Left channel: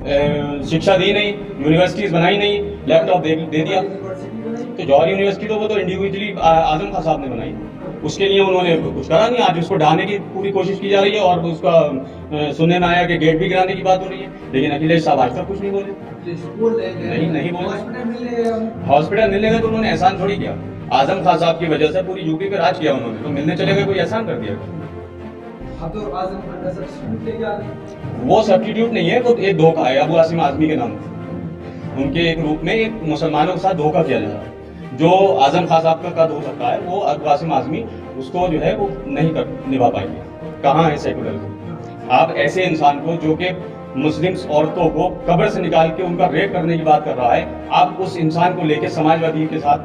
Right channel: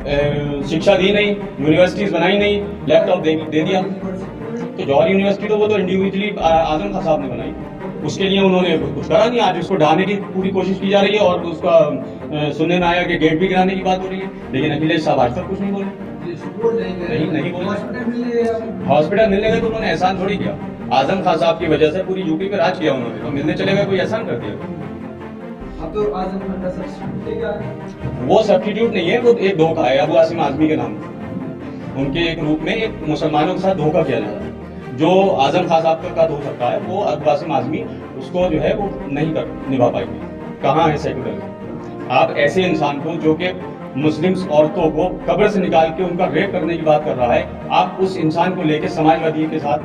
शिक्षा दी नहीं, यूनिवर्सिटीज़ बनाई नहीं, लैपटॉप दे दिया। तो जौहर यूनिवर्सिटी तो वो तो इंडिविजुअली आजम खान साहब ने बनाई, उसके लिए उन्होंने कुछ करा नहीं। आज उसको ढाने की पूरी कोशिश की जा रही है और उसका सुनने में आया कि गेट भी गिराने की बात हो रही है, लेकिन अखिलेश साहब आज तक कुछ नहीं बोले। नहीं बोले। हॉस्पिटल मिलने गए तो उन्होंने एहसान थोड़ी किया। आजम खान साहब की वजह से पूरी यूपी पे राज किया उन्होंने, तो मिलने चले गए कोई एहसान कर दिया? तो आजम खान का सब्स्टिट्यूट वो सब्स्टिट्यूट नहीं है, वो एक धोखा है अबू आसिम आजमी के नाम। उनके एक रूप में एक मुसलमानों के साथ धोखा किया जा रहा है। जो आजम खान साहब का हो सकता है वो अबू आसिम आजमी उसको जो है वो नहीं कर निभा पाएंगे। कहाँ है सेकुलर? आप ऐसे इंसान को जो कि मुस्लिम्स औरतों को कब्र से निकाल के उनका रेप करने की बात कर रहा है, आप उस इंसान को लेके समाजवादी के साथ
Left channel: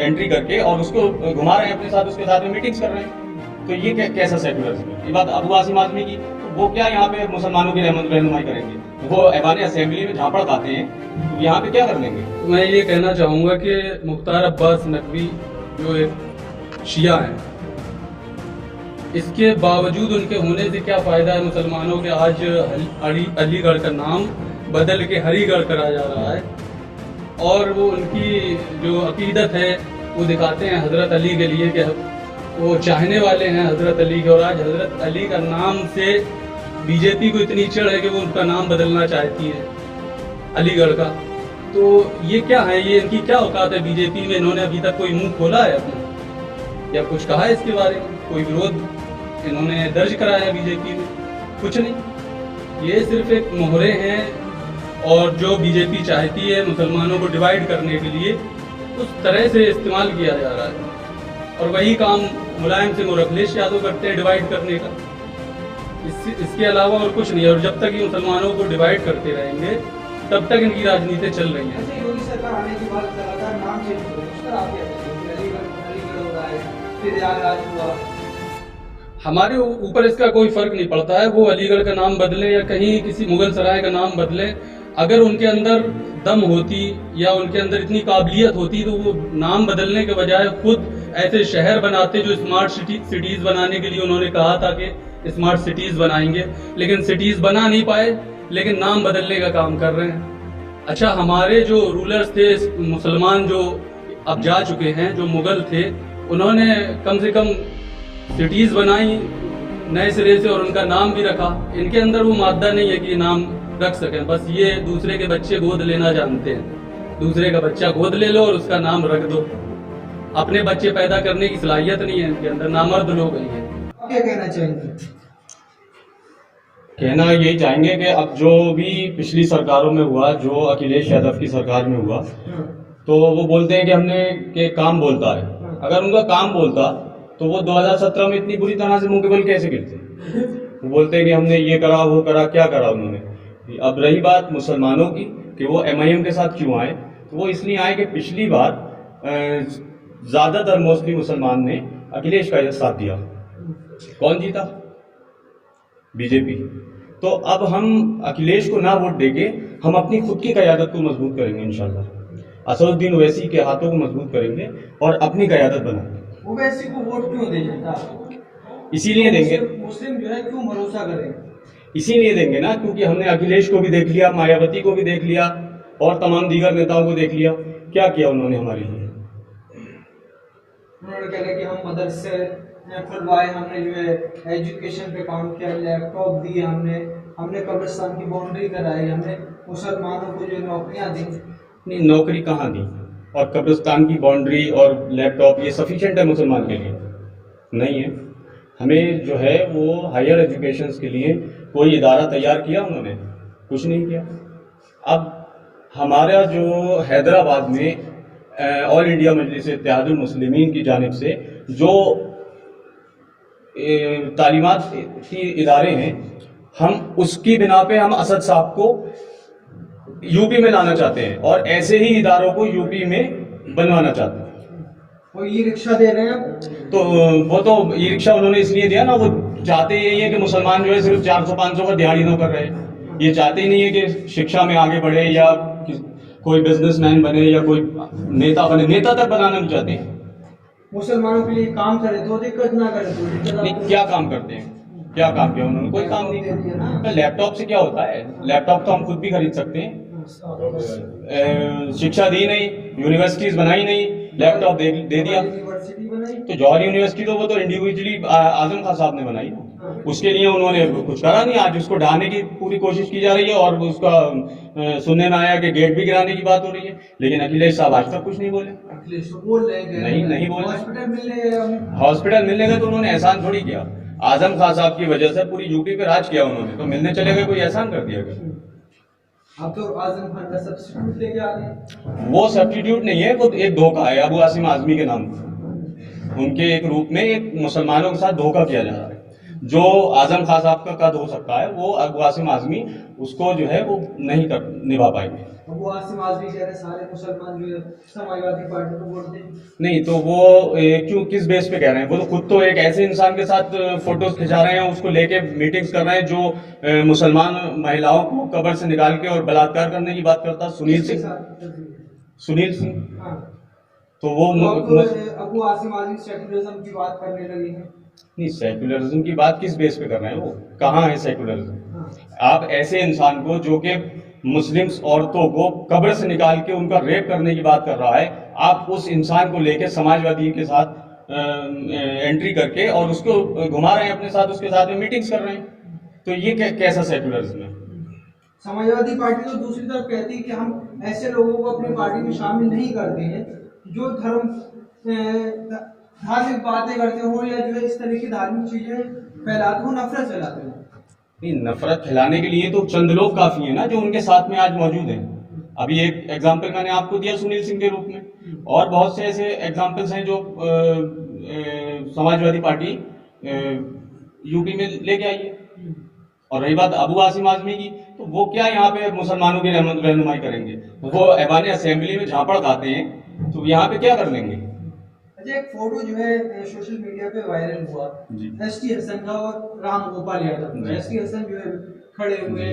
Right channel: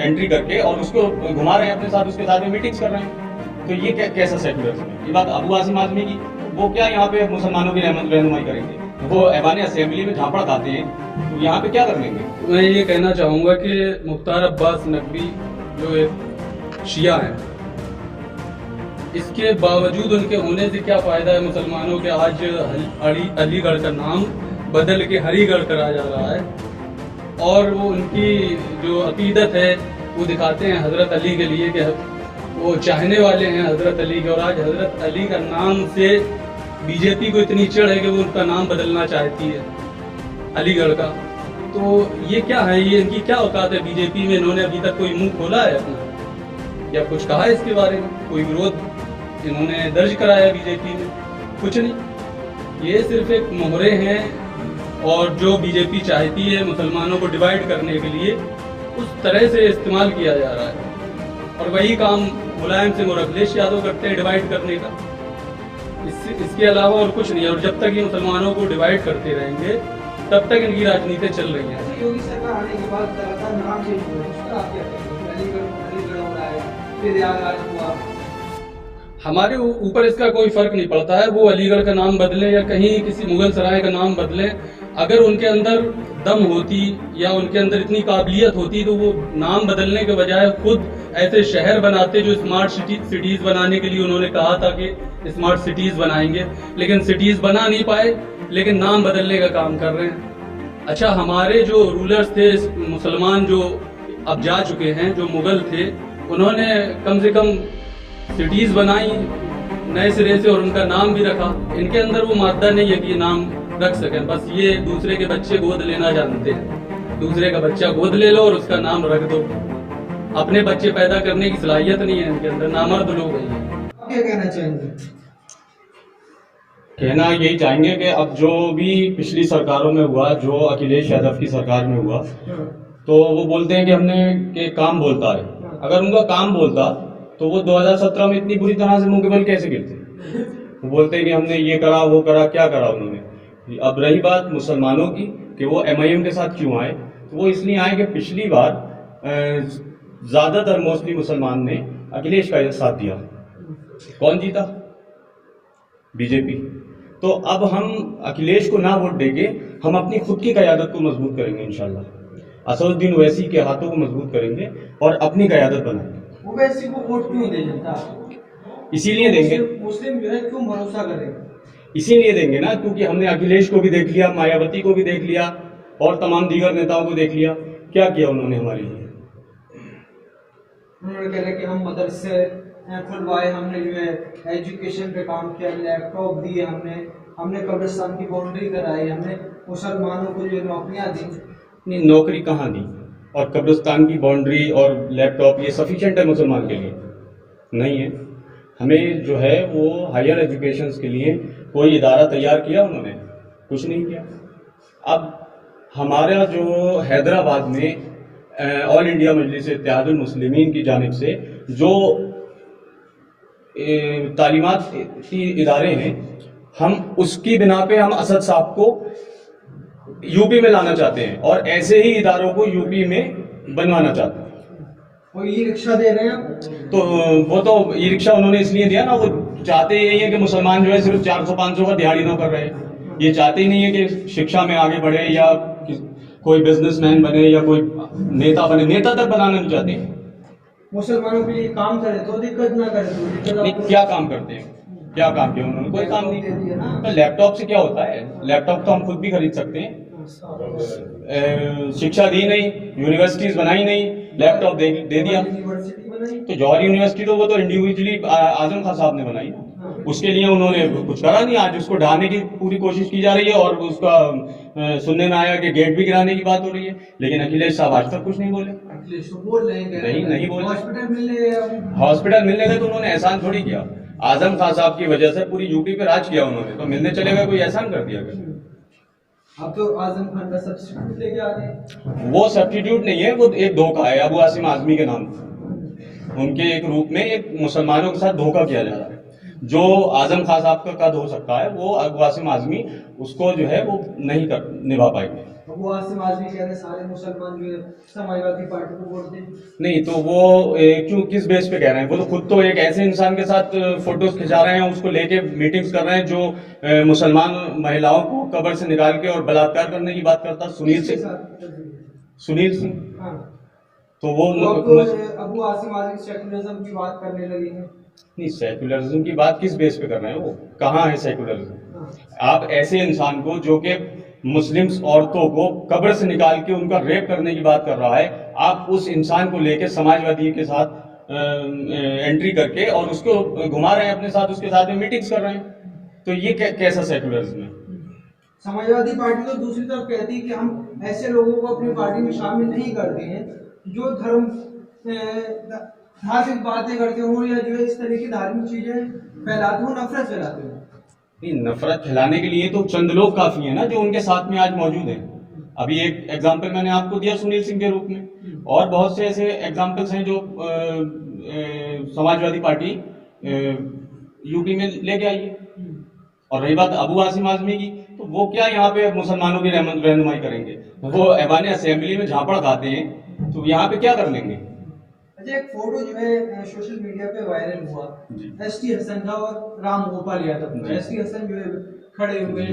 एंट्री करके और उसको घुमा रहे हैं अपने साथ, उसके साथ में मीटिंग्स कर रहे हैं। तो ये कैसा सेकुलरिज्म है? ये बात अबू आसिम आजमी की, वो क्या यहाँ पे मुसलमानों की रहनुमाई करेंगे? वो ऐवान असेंबली में झापड़ खाते हैं, तो यहाँ पे क्या कर लेंगे? मैं ये कहना चाहूँगा कि मुख्तार अब्बास नकवी जो एक शिया हैं, इसके बावजूद उनके होने से क्या फ़ायदा है मुसलमानों के? आज अलीगढ़ का नाम बदल के हरीगढ़ करा जा रहा है और वो उनकी जो अकीदत है वो दिखाते हैं हज़रत अली के लिए कि वो चाहने वाले हैं हज़रत अली के, और आज हज़रत अली का नाम से बीजेपी को इतनी चिढ़ है कि वो उनका नाम बदलना चाहती है अलीगढ़ का। तो ये क्या है, ये इनकी क्या औकात है बीजेपी में? इन्होंने अभी तक कोई मुंह खोला है अपना या कुछ कहा है इसके बारे में? कोई विरोध इन्होंने दर्ज कराया है बीजेपी में? कुछ नहीं। ये सिर्फ एक मोहरे हैं और जो बीजेपी चाहती है मुसलमानों को डिवाइड करने के लिए उस तरह से इस्तेमाल किया जा रहा है, और वही काम मुलायम सिंह और अखिलेश यादव करते हैं डिवाइड करने का। इसके अलावा और कुछ नहीं है। और जब तक ये मुसलमानों को डिवाइड करते रहेंगे तब तक इनकी राजनीति चल रही है। योगी सरकार आने के बाद लगातार नाम चेंज हो रहा है, उस पर आप क्या कहते हैं? अलीगढ़ हो रहा है, फिर प्रयागराज हुआ। हमारे ऊपर इसका कोई फर्क नहीं पड़ता है, वो अलीगढ़ का नाम बदलें या कहीं किसी मुगल सराय का नाम बदलें। अगर उनके अंदर दम होती या उनके अंदर इतनी काबिलियत होती तो वो नाम बदलने के बजाय खुद ऐसे शहर बनाते जो स्मार्ट सिटीज़ बनाने के लिए उन्होंने कहा था कि स्मार्ट सिटीज़ बनाएंगे, लेकिन सिटीज़ बना नहीं पाए, लेकिन नाम बदलने का काम कर रहे हैं। अच्छा, हमारे जो रूलर्स थे मुसलमान जो अब जा चुके हैं, जो मुग़ल थे, उन्होंने कम से कम सिटीज़ बनाई नए सिरे से और उनका नाम भी रखा। इनके अंदर वो मादा नहीं है कि ये नाम रख सकें, बस ये दूसरे के बच्चे गोद लेना जानते हैं। दूसरे का बच्चा गोद ले लो और उसका नाम रख दो। अपने बच्चे पैदा करने की सलाहियत नहीं है इनके अंदर, नामर्द लोग हैं। आप क्या कहना चाहेंगे? कहना यही चाहेंगे कि अब जो भी पिछली सरकारों में हुआ, जो अखिलेश यादव की सरकार में हुआ, तो वो बोलते हैं कि हमने के काम बोलता है। अगर उनका काम बोलता तो वो 2017 में इतनी बुरी तरह से मुंह के बल कैसे गिरते? वो बोलते हैं कि हमने ये करा वो करा, क्या करा उन्होंने? अब रही बात मुसलमानों की कि वो MIM के साथ क्यों आए, तो वो इसलिए आए कि पिछली बार ज़्यादातर मोस्टली मुसलमान ने अखिलेश का साथ दिया। कौन जीता? बीजेपी। तो अब हम अखिलेश को ना वोट देंगे, हम अपनी खुद की क़यादत को मजबूत करेंगे इंशाल्लाह। असदुद्दीन ओवैसी के हाथों को मजबूत करेंगे और अपनी क़यादत बनाएंगे। ओवैसी को वोट क्यों दे जनता? इसीलिए देंगे, मुस्लिम जो है क्यों भरोसा करें? इसीलिए देंगे ना क्योंकि हमने अखिलेश को भी देख लिया, मायावती को भी देख लिया और तमाम दीगर नेताओं को देख लिया। क्या किया उन्होंने हमारे लिए? उन्होंने कहा कि हम मदरसे खुलवाए, हमने जो है एजुकेशन पे काम किया, लैपटॉप दिए, हमने कब्रिस्तान की बाउंड्री कराई, हमने मुसलमानों को जो नौकरियां दी। नहीं, नौकरी कहाँ दी? और कब्रिस्तान की बाउंड्री और लैपटॉप ये सफिशेंट है मुसलमान के लिए? नहीं है। हमें जो है वो हायर एजुकेशन के लिए कोई इदारा तैयार किया उन्होंने? कुछ नहीं किया। अब हमारा जो हैदराबाद में ऑल इंडिया मजलिस इत्तेहादुल मुस्लिमीन की जानिब से जो तालीमाती इदारे हैं, हम उसकी बिना पे हम असद साहब को यूपी में लाना चाहते हैं और ऐसे ही इदारों को यूपी में बनवाना चाहते हैं। वो ई रिक्शा दे रहे हैं, तो वो तो ई रिक्शा उन्होंने इसलिए दिया ना, वो चाहते यही है कि मुसलमान जो है सिर्फ 400-500 का दिहाड़ी नौ कर रहे हैं। ये चाहते ही नहीं है कि शिक्षा में आगे बढ़े या कोई बिजनेसमैन बने या कोई नेता बने। नेता तक बनाना नहीं चाहते हैं। मुसलमानों के लिए काम करे तो दिक्कत ना करे तो दिक्कत। नहीं, क्या काम करते हैं? क्या काम किया उन्होंने? कोई काम दे दिया ना। नहीं। तो लैपटॉप से क्या होता है? लैपटॉप तो हम खुद भी खरीद सकते हैं। शिक्षा दी नहीं, यूनिवर्सिटीज बनाई नहीं, लैपटॉप दे दिया। यूनिवर्सिटी बनाई तो जौहर यूनिवर्सिटी तो वो तो इंडिविजुअली आजम खान साहब ने बनाई ना, उसके लिए उन्होंने कुछ करा नहीं। आज उसको ढाने की पूरी कोशिश की जा रही है और उसका सुनने में आया कि गेट भी गिराने की बात हो रही है, लेकिन अखिलेश साहब आज तक कुछ नहीं बोले। अखिलेश तो बोल रहे हैं नहीं बोल रहे। हॉस्पिटल मिलने गए तो उन्होंने एहसान थोड़ी किया। आजम खान साहब की वजह से पूरी यूपी पे राज किया उन्होंने, तो मिलने चले गए, कोई एहसान कर दिया क्या? अब तो आजम खान का सब्स्टिट्यूट लेके आ रहे हैं। वो सब्स्टिट्यूट नहीं है, वो एक धोखा है अबू आसिम आजमी के नाम। उनके एक रूप में एक मुसलमानों के साथ धोखा किया जा रहा है। जो आजम खान साहब का कद हो सकता है, वो अबू आसिम आजमी उसको जो है वो नहीं निभा पाएंगे। अबू आसिम आजमी कह रहे हैं सारे मुसलमान जो है समाजवादी पार्टी को वोट दें। नहीं तो वो क्यों, किस बेस पे कह रहे हैं? वो तो खुद तो एक ऐसे इंसान के साथ फोटोज खिंचा रहे हैं, उसको लेके मीटिंग्स कर रहे हैं जो मुसलमान महिलाओं को कब्र से निकाल के और बलात्कार करने की बात करता। सुनील सिंह। हाँ। तो वो अबू आसिम आजमी सेकुलरिज्म की बात करने लगे हैं। नहीं, सेकुलरिज्म की बात किस बेस पे कर रहे हैं? वो कहाँ है सेकुलरिज्म? आप ऐसे इंसान को जो कि मुस्लिम्स औरतों को कब्र से निकाल के उनका रेप करने की बात कर रहा है, आप उस इंसान को लेके समाजवादी के साथ एंट्री करके और उसको घुमा रहे हैं अपने साथ, उसके साथ में मीटिंग्स कर रहे हैं, तो ये कैसा सेकुलरिज्म है? समाजवादी पार्टी तो दूसरी तरफ कहती है कि हम ऐसे लोगों को अपनी पार्टी में शामिल नहीं करते हैं जो धार्मिक बातें करते हो या जो है इस तरह की धार्मिक चीजें फैलाते हो, नफरत फैलाते हो। नहीं, नफरत फैलाने के लिए तो चंद लोग काफी हैं ना जो उनके साथ में आज मौजूद हैं। अभी एक एग्जाम्पल मैंने आपको दिया सुनील सिंह के रूप में, और बहुत से ऐसे एग्जाम्पल्स हैं जो समाजवादी पार्टी यूपी में लेके आई है। और रही बात अबू आसिम आजमी की, तो वो क्या यहाँ पे मुसलमानों की रहनुमाई करेंगे? वो ऐवान असेंबली में झापड़ खाते हैं, तो यहाँ पे क्या कर लेंगे? अच्छा, एक फोटो जो है सोशल मीडिया पे वायरल हुआ एसटी हसन का और राम गोपाल यादव। एसटी हसन जो है खड़े हुए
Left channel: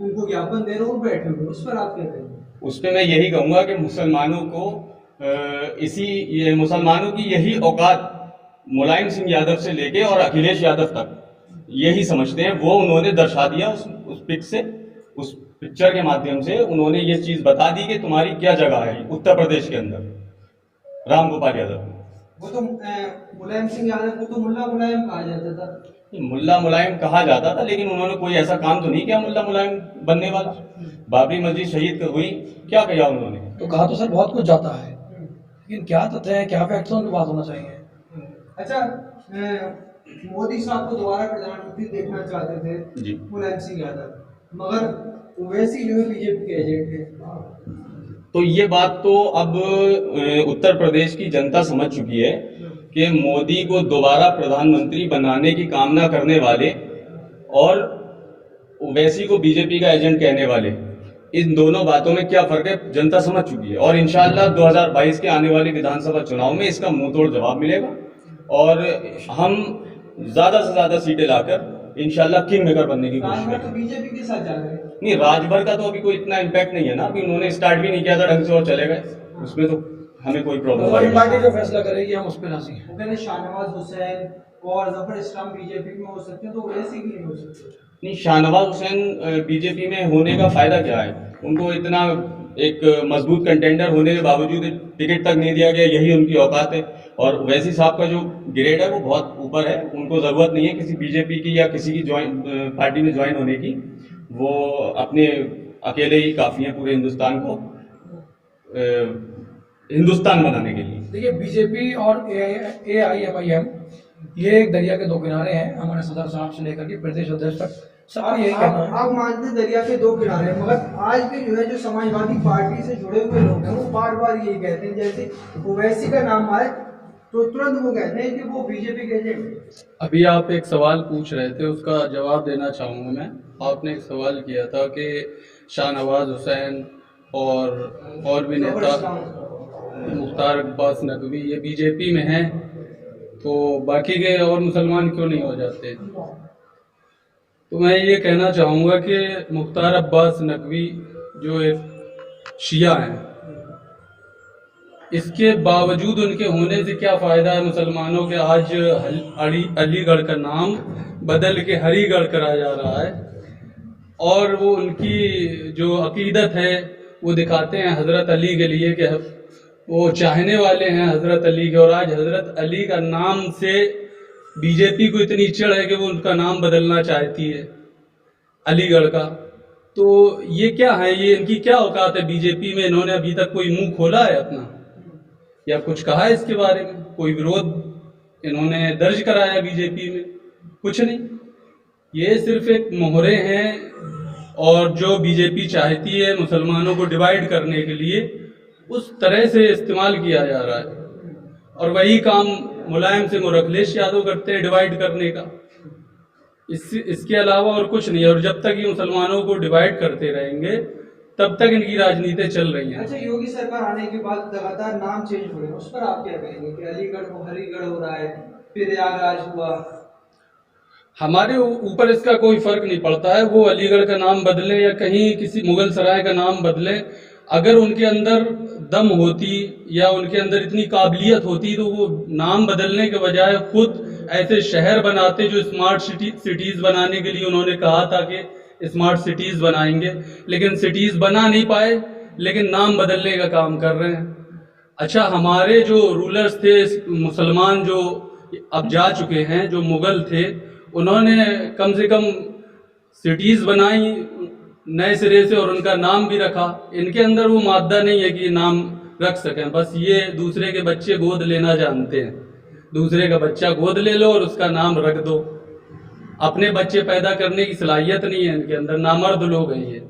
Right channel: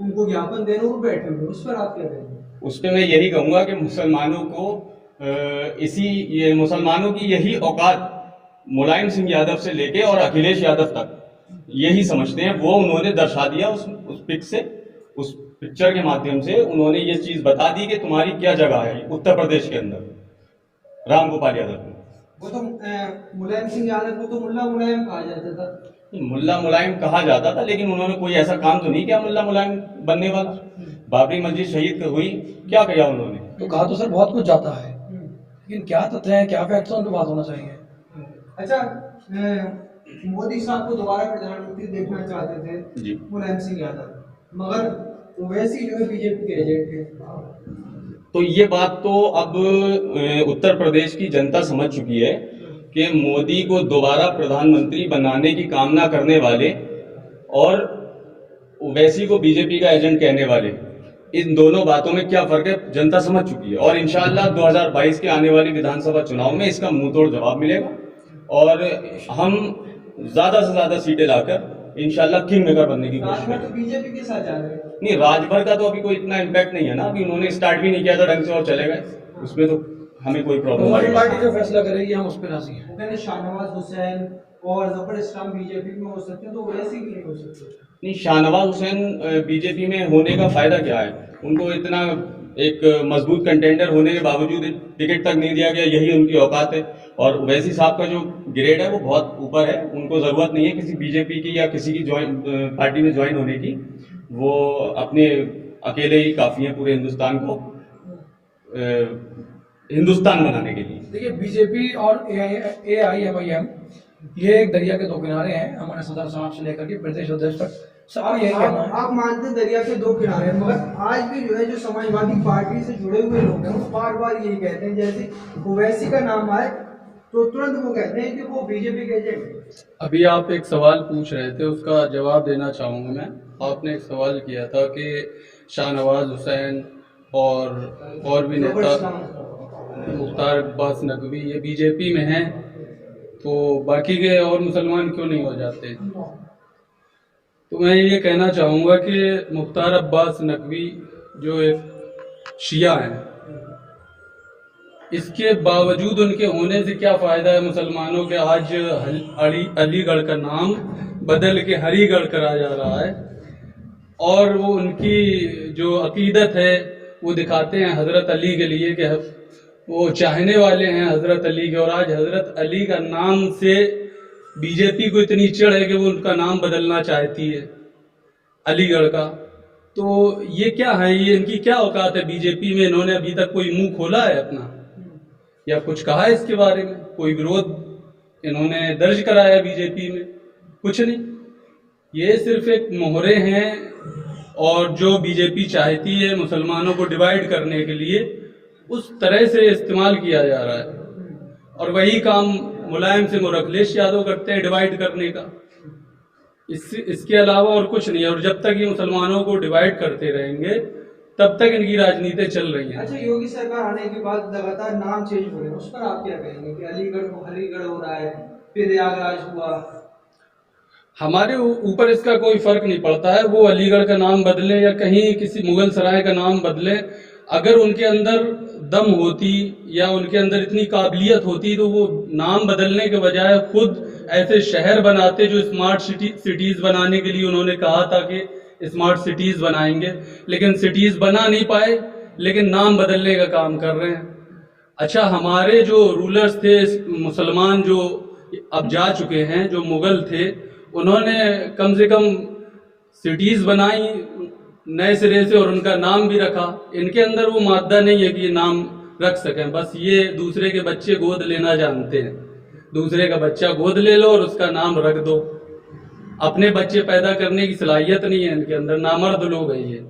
उनको ज्ञापन दे रहे हो, बैठे हुए, उस पर आप क्या कहेंगे? उस पर मैं यही कहूँगा कि मुसलमानों को मुसलमानों की यही औकात मुलायम सिंह यादव से लेके और अखिलेश यादव तक यही समझते हैं। वो उन्होंने दर्शा दिया उस पिक से, उस पिक्चर के माध्यम से उन्होंने ये चीज़ बता दी कि तुम्हारी क्या जगह है उत्तर प्रदेश के अंदर। राम गोपाल यादव, वो तो मुलायम सिंह यादव को तो मुल्ला मुलायम कहा जाता था। मुल्ला मुलायम कहा जाता था, लेकिन उन्होंने कोई ऐसा काम तो नहीं किया मुल्ला मुलायम बनने वाला। बाबरी मस्जिद शहीद हुई, क्या किया उन्होंने? तो कहा तो सर बहुत कुछ जाता है, लेकिन क्या तथ्य है, क्या फैक्ट्स उन पर बात होना चाहिए। अच्छा, मोदी साहब को दोबारा प्रधानमंत्री देखना चाहते थे जी मुलायम सिंह यादव, मगर वैसे जो है बीजेपी के एजेंट है। तो ये बात तो अब उत्तर प्रदेश की जनता समझ चुकी है कि मोदी को दोबारा प्रधानमंत्री बनाने की कामना करने वाले और वैसी को बीजेपी का एजेंट कहने वाले, इन दोनों बातों में क्या फर्क है जनता समझ चुकी है। और इंशाल्लाह 2022 के आने वाले विधानसभा चुनाव में इसका मुंह तोड़ जवाब मिलेगा और हम ज़्यादा से ज़्यादा सीटें लाकर इंशाल्लाह किंग मेकर बनने की कोशिश करेंगे। तो बीजेपी के साथ जा रहे हैं। नहीं, राजभर का तो अभी कोई इतना इम्पैक्ट नहीं है ना, अभी उन्होंने स्टार्ट भी नहीं किया था ढंग से और चले गए, उसमें तो हमें कोई प्रॉब्लम हमारी नहीं। पार्टी जो फैसला करेगी हम उस पर राजी हैं। वो कहते हैं शाहनवाज हुसैन और जफर इस्लाम बीजेपी में हो सकते हैं, तो वैसे ही नहीं हो सकते। नहीं, शाहनवाज हुसैन बीजेपी में होने का फायदा क्या है? उनको इतना एक मजबूत कंटेंडर होने के बावजूद टिकट तक नहीं दिया गया, यही उनकी औकात है। और वैसी साहब का जो ग्रेड है वो बहुत ऊपर है, उनको ज़रूरत नहीं है किसी बीजेपी की या किसी की पार्टी में ज्वाइन होने की। वो अपने अकेले ही काफ़ी हैं पूरे हिंदुस्तान को हिंदुस्तान बनाने के लिए। देखिए, बीजेपी और AIMIM ये एक दरिया के दो किनारे हैं। हमारे सदर साहब से लेकर के प्रदेश अध्यक्ष तक सबका यही कहना है। आप मानते हैं दरिया के दो किनारे, मगर आज भी जो है जो समाजवादी पार्टी से जुड़े हुए लोग हैं वो बार बार यही कहते हैं, जैसे ओवैसी का नाम आए तो तुरंत वो कहते हैं कि वो बीजेपी के एजेंट हैं। अभी आप एक सवाल पूछ रहे थे, उसका जवाब देना चाहूँगा मैं। आपने एक सवाल किया था कि शाहनवाज हुसैन और भी नेता मुख्तार अब्बास नकवी ये बीजेपी में हैं, तो बाकी के और मुसलमान क्यों नहीं हो जाते? तो मैं ये कहना चाहूँगा कि मुख्तार अब्बास नकवी जो एक शिया हैं, इसके बावजूद उनके होने से क्या फ़ायदा है मुसलमानों के आज अलीगढ़ का नाम बदल के हरिगढ़ करा जा रहा है। और वो उनकी जो अकीदत है वो दिखाते हैं हज़रत अली के लिए कि वो चाहने वाले हैं हज़रत अली के, और आज हज़रत अली का नाम से बीजेपी को इतनी चिढ़ है कि वो उनका नाम बदलना चाहती है अलीगढ़ का। तो ये क्या है, ये इनकी क्या औकात है बीजेपी में? इन्होंने अभी तक कोई मुंह खोला है अपना या कुछ कहा है इसके बारे में? कोई विरोध इन्होंने दर्ज कराया बीजेपी में? कुछ नहीं। ये सिर्फ एक मोहरे हैं और जो बीजेपी चाहती है मुसलमानों को डिवाइड करने के लिए उस तरह से इस्तेमाल किया जा रहा है। और वही काम मुलायम सिंह और अखिलेश यादव करते हैं, डिवाइड करने का। इसके अलावा और कुछ नहीं है। और जब तक ये मुसलमानों को डिवाइड करते रहेंगे तब तक इनकी राजनीति चल रही है। अच्छा, योगी सरकार आने के बाद लगातार नाम चेंज हो रहे हैं, उस पर आप क्या कहेंगे कि अलीगढ़ को हरिगढ़ हो रहा है, फिर प्रयागराज हुआ? हमारे ऊपर इसका कोई फर्क नहीं पड़ता है, वो अलीगढ़ का नाम बदलें या कहीं किसी मुगल सराय का नाम बदलें। अगर उनके अंदर दम होती या उनके अंदर इतनी काबिलियत होती तो वो नाम बदलने के बजाय खुद ऐसे शहर बनाते जो स्मार्ट सिटीज़ बनाने के लिए उन्होंने कहा था कि स्मार्ट सिटीज़ बनाएंगे, लेकिन सिटीज़ बना नहीं पाए, लेकिन नाम बदलने का काम कर रहे हैं। अच्छा, हमारे जो रूलर्स थे मुसलमान जो अब जा चुके हैं, जो मुग़ल थे, उन्होंने कम से कम सिटीज़ बनाई नए सिरे से और उनका नाम भी रखा। इनके अंदर वो मादा नहीं है कि ये नाम रख सकें, बस ये दूसरे के बच्चे गोद लेना जानते हैं। दूसरे का बच्चा गोद ले लो और उसका नाम रख दो। अपने बच्चे पैदा करने की सलाहियत नहीं है इनके अंदर, नामर्द लोग हैं ये।